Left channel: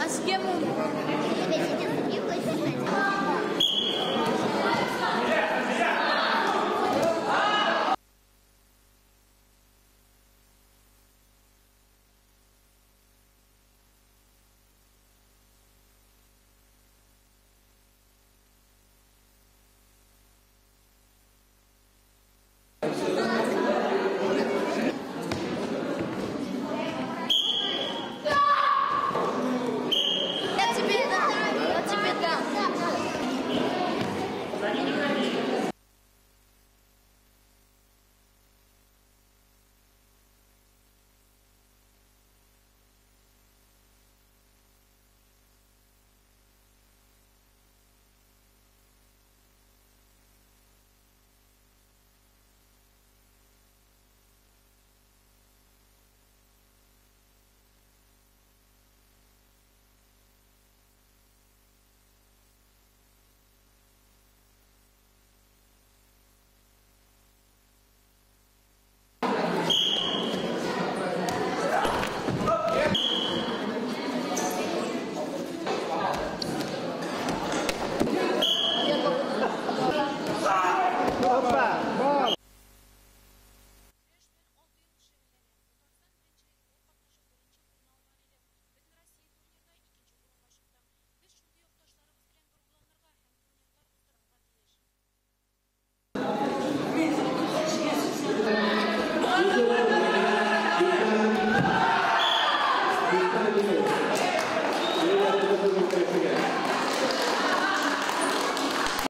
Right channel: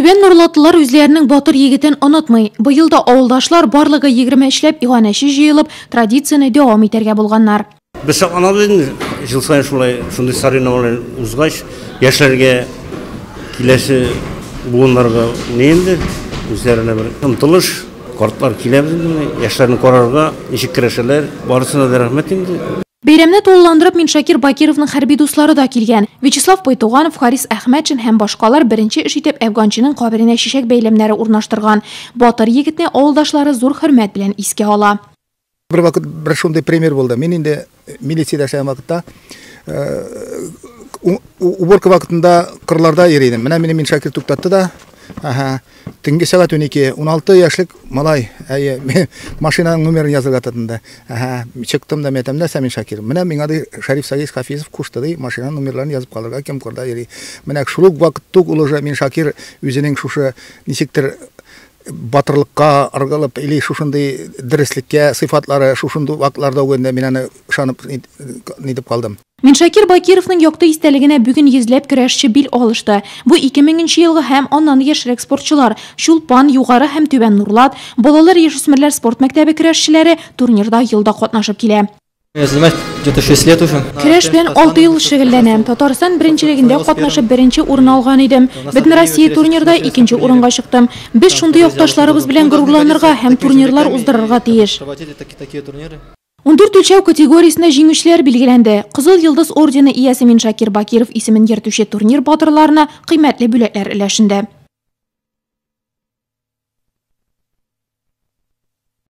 Түбән Нурлатлылар үзләренең батыр егетен онытмый. Быел да авылдашлар барлыгы 20 эшләп иганәче җыелып, традицияне дәвам итәргә булганнар. Без анабыз жыл сайын шундай соревнованиялар узгач, яшьләргә киләсе буыннарга нинди үзләренә бер омтылыш, картлар киләбез инде, яшьләрне карарга, ничек керәшәләр, барысына да рәхмәт инде. Бәйрәмне тулыландырып Миншакир Бакировның хәрби дуслары да килгән. Вячеслав Пойтуганов, Харис Әхмәтшин һәм башкалар беренче эш итеп Әфганчының каберенә чәчәк бәйләмнәре урнаштырган. Батыр егетне авылдашлары зур хөрмәт белән искә ала. Бер вакыт бер шундый пример булды. Мин инде милициядә эшләгән вакытта уборка вакытында кырларда йөридем. Менә мине Миншакир туктатты да, төнге сәгать 12, 16 яшьлек малай, машинаның номерын язырга тотынды. Чыктым да мәтәмдә Миншакир. Менә миңа ди Шәриф Сагис Хафизов кушты ди, машинаның номерларын язып калырга, кем кырда йөри. Менә шул ук вакыт тук улы Миншакир үзенең шушы ничектер батырлыкка аргалып или шушындый дөреслеккә сыйфатлары шушындый вакытларда үгәндә мин аны ышанып нидеп калдым. Миншакир Бакировның якты истәлегенә бүген йөзләп көрәшче бил алышты. Бу 2000 елгы һәм аннан яшьрәк спортчылар, Чулпан, Югары һәм Түбән Нурлат, балалар яшүсмерләр спорт мәктәбе көрәшчеләре турнирда елда катнашып килә. Я занимаюсь где-то 6 лет уже. Көрәш белән 6 ел шөгыльләнәм. Татарстан беренчелегендә катнашып беренче урын алган идем. Бөтен Россия турнирда икенче урынга чыктым. Без шундый якташларыбыз белән горурланырга һәм турнирлар уздырырга тиеш. 14 үлчәү категориясендә җиңүчеләр билгеләнде. Кызыл йолдыз ордены иясе Миншакир Бакиров исемен йөртүче турнир батырларына кыйммәтле бүләкләр өләшенде.